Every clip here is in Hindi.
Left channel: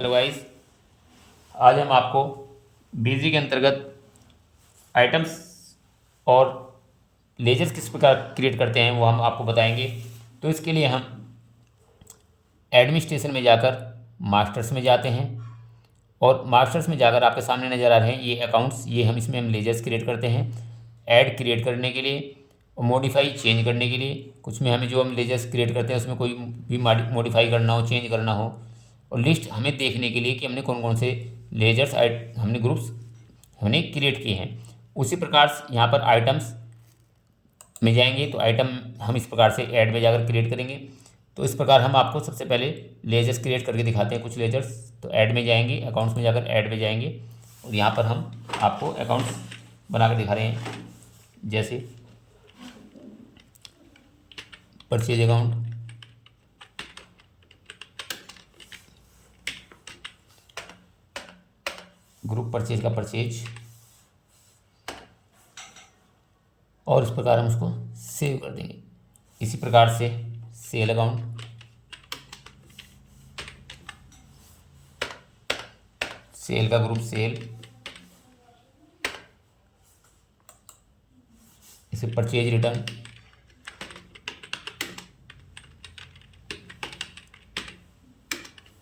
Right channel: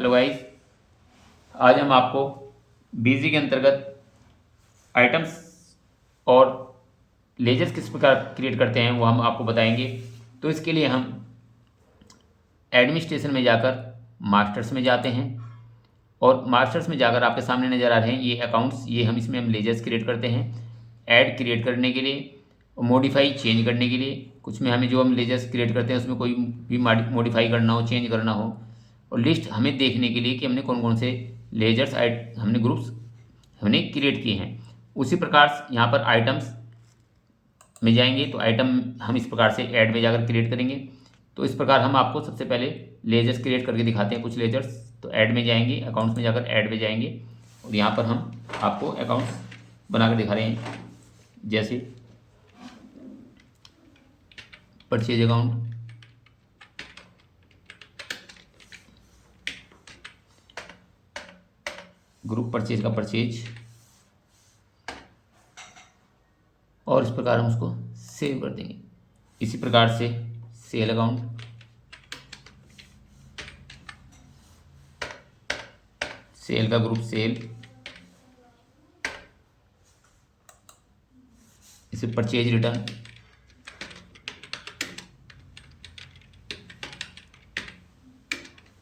हेलो गाइस, आज हम आपको बीजी के अंतर्गत आइटम्स और लेजर्स किस प्रकार क्रिएट करते हैं वो हम आपको बताएंगे। तो इसके लिए हम एडमिनिस्ट्रेशन में जाकर मास्टर्स में जाते हैं और मास्टर्स में जाकर आपके सामने नज़र आ रहे हैं ये अकाउंट्स, ये इसमें हम लेजर्स क्रिएट करते हैं। ऐड क्रिएट करने के लिए, मॉडिफाई चेंज करने के लिए, कुछ में हमें जो हम लेजर्स क्रिएट करते हैं उसमें कोई भी मॉडिफाई करना हो, चेंज करना हो, और लिस्ट हमें देखने के लिए कि हमने कौन कौन से लेजर्स हमने ग्रुप्स हमने क्रिएट किए हैं। उसी प्रकार से यहाँ पर आइटम्स में जाएंगे तो आइटम हम इस प्रकार से ऐड में जाकर क्रिएट करेंगे। तो इस प्रकार हम आपको सबसे पहले लेजर्स क्रिएट करके दिखाते हैं कुछ लेजर्स। तो ऐड में जाएंगे, अकाउंट्स में जाकर ऐड में जाएंगे और यहाँ पर हम आपको अकाउंट्स बना कर दिखा रहे हैं, जैसे परचेज अकाउंट, ग्रुप परचेज का परचेज, और इस प्रकार हम उसको सेव कर देंगे। इसी प्रकार से सेल अकाउंट, सेल का ग्रुप सेल, इसे purchase return,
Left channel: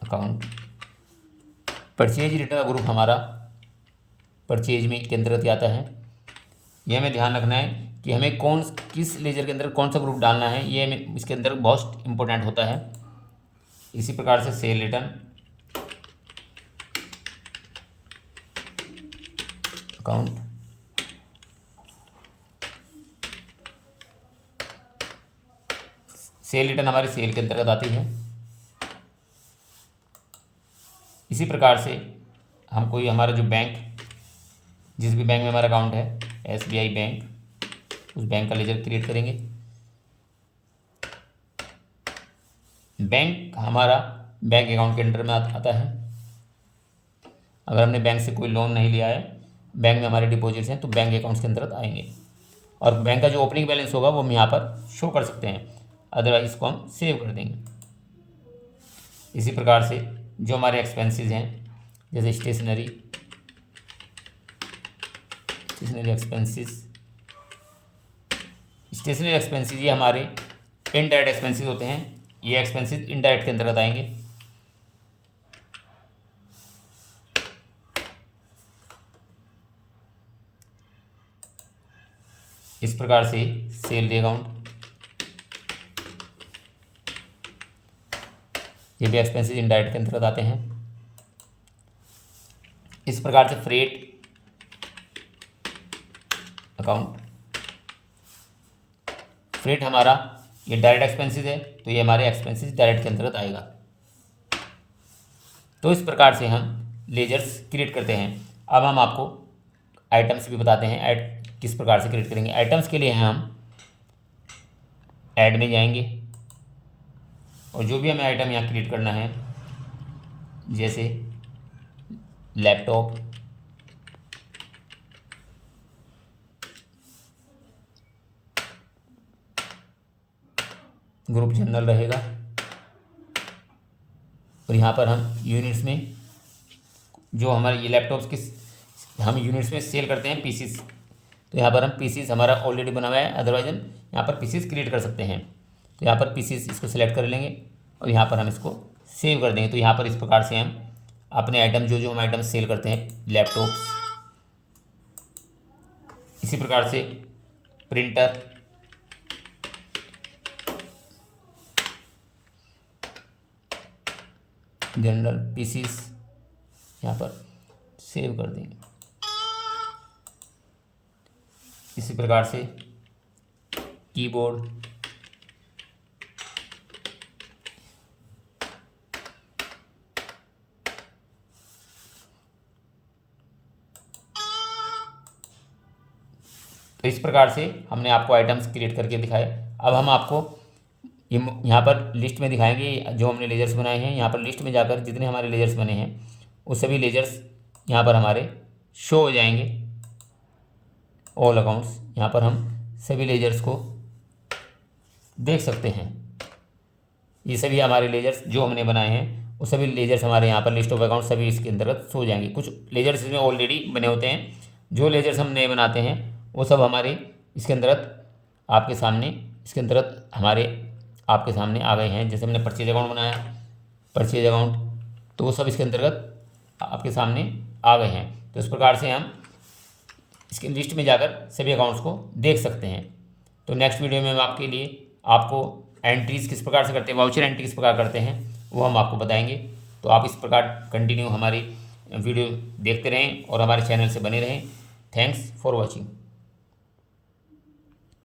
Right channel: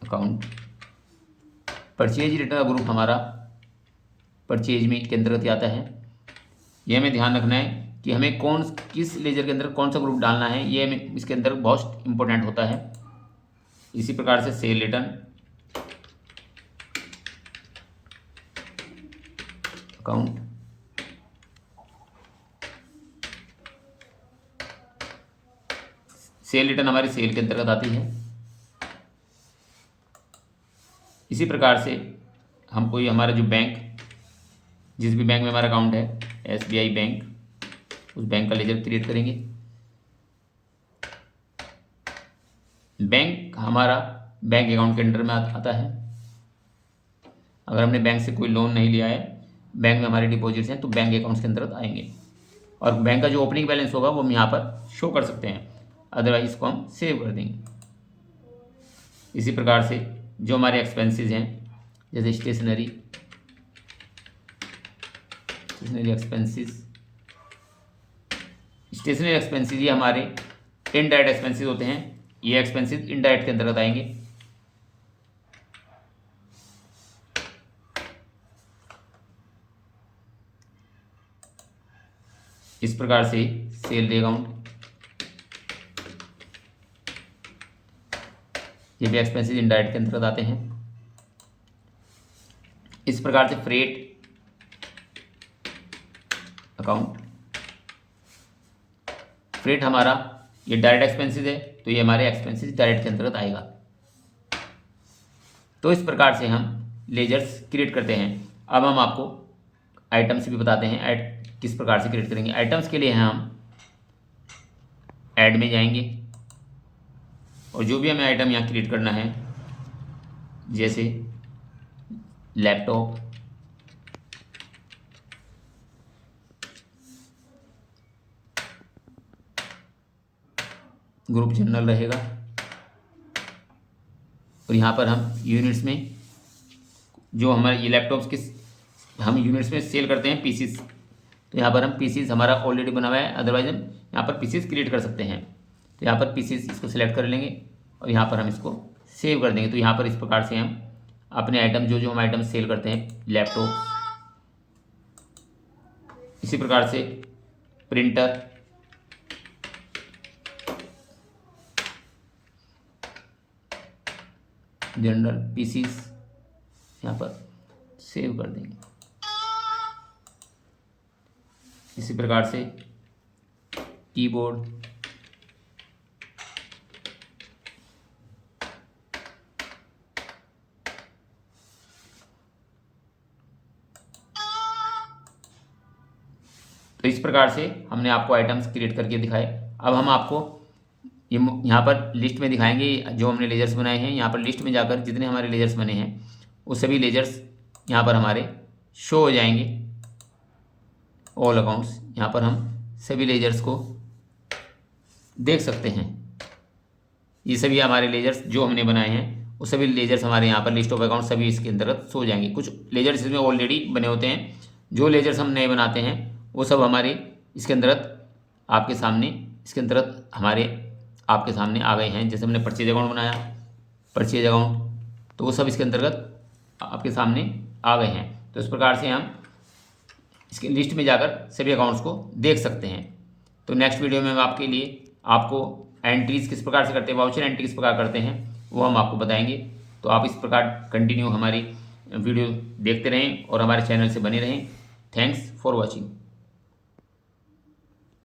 account. Purchase return group हमारा परचेज में के अंतर्गत आता है। ये हमें ध्यान रखना है कि हमें किस लेजर के अंदर कौन सा ग्रुप डालना है, ये हमें इसके अंदर बहुत इंपॉर्टेंट होता है। इसी प्रकार से cell return, account, cell return हमारी सेल के अंतर्गत आती है। इसी प्रकार से हम कोई हमारा जो बैंक, जिस भी बैंक में हमारा अकाउंट है, SBI बैंक, उस बैंक का लेजर क्रिएट करेंगे। बैंक हमारा बैंक अकाउंट के अंडर में आता है। अगर हमने बैंक से कोई लोन नहीं लिया है, बैंक में हमारे डिपॉजिट्स हैं, तो बैंक अकाउंट्स के अंतर्गत आएंगे और बैंक का जो ओपनिंग बैलेंस होगा वो हम यहाँ पर शो कर सकते हैं, अदरवाइज इसको हम सेव कर देंगे। इसी प्रकार से जो हमारे एक्सपेंसेस हैं, जैसे स्टेशनरी एक्सपेंसेस, ये हमारे इनडायरेक्ट एक्सपेंसेस होते हैं। ये एक्सपेंसेस इनडायरेक्ट के अंतर्गत आएंगे। इस प्रकार से सेल अकाउंट, ये भी एक्सपेंसेस इनडायरेक्ट के अंतर्गत आते हैं। इस प्रकार से फ्रेट अकाउंट, फ्रेट हमारा ये डायरेक्ट एक्सपेंसेस है, तो ये हमारे एक्सपेंसेस डायरेक्ट के अंतर्गत आएगा। तो इस प्रकार से हम लेजर्स क्रिएट करते हैं। अब हम आपको आइटम्स भी बताते हैं, ऐड किस प्रकार से क्रिएट करेंगे। आइटम्स के लिए हम ऐड में जाएंगे और जो भी हमें आइटम यहाँ क्रिएट करना है, जैसे लैपटॉप, ग्रुप जनरल रहेगा, और यहाँ पर हम यूनिट्स में जो हमारे ये लैपटॉप्स के हम यूनिट्स में सेल करते हैं पीसीस, तो यहाँ पर हम पीसीस हमारा ऑलरेडी बना हुआ है, अदरवाइज हम यहाँ पर पीसीस क्रिएट कर सकते हैं। तो यहाँ पर पीसीस इसको सिलेक्ट कर लेंगे और यहाँ पर हम इसको सेव कर देंगे। तो यहाँ पर इस प्रकार से हम अपने आइटम जो हम आइटम सेल करते हैं, लैपटॉप्स, इसी प्रकार से प्रिंटर, जनरल पीसीस, यहाँ पर सेव कर देंगे। इसी प्रकार से कीबोर्ड, तो इस प्रकार से हमने आपको आइटम्स क्रिएट करके दिखाए। अब हम आपको ये यहाँ पर लिस्ट में दिखाएंगे जो हमने लेजर्स बनाए हैं। यहाँ पर लिस्ट में जाकर जितने हमारे लेजर्स बने हैं वो सभी लेजर्स यहाँ पर हमारे शो हो जाएंगे। ऑल अकाउंट्स, यहाँ पर हम सभी लेजर्स को देख सकते हैं। ये सभी हमारे लेजर्स जो हमने बनाए हैं वो सभी लेजर्स हमारे यहाँ पर लिस्ट ऑफ अकाउंट सभी इसके अंतर्गत सो जाएंगे। कुछ लेजर्स इसमें ऑलरेडी बने होते हैं, जो लेजर्स हम नए बनाते हैं वो सब हमारे इसके अंतर्गत आपके सामने इसके अंतर्गत हमारे आपके सामने आ गए हैं। जैसे हमने परचेज अकाउंट बनाया, परचेज अकाउंट, तो वो सब इसके अंतर्गत आपके सामने आ गए हैं। तो इस प्रकार से हम इसके लिस्ट में जाकर सभी अकाउंट्स को देख सकते हैं। तो नेक्स्ट वीडियो में हम आपके लिए आपको एंट्रीज़ किस प्रकार से करते हैं, वाउचर एंट्री किस प्रकार करते हैं, वो हम आपको बताएंगे। तो आप इस प्रकार कंटिन्यू हमारी वीडियो देखते रहें और हमारे चैनल से बने रहें। Thanks for watching.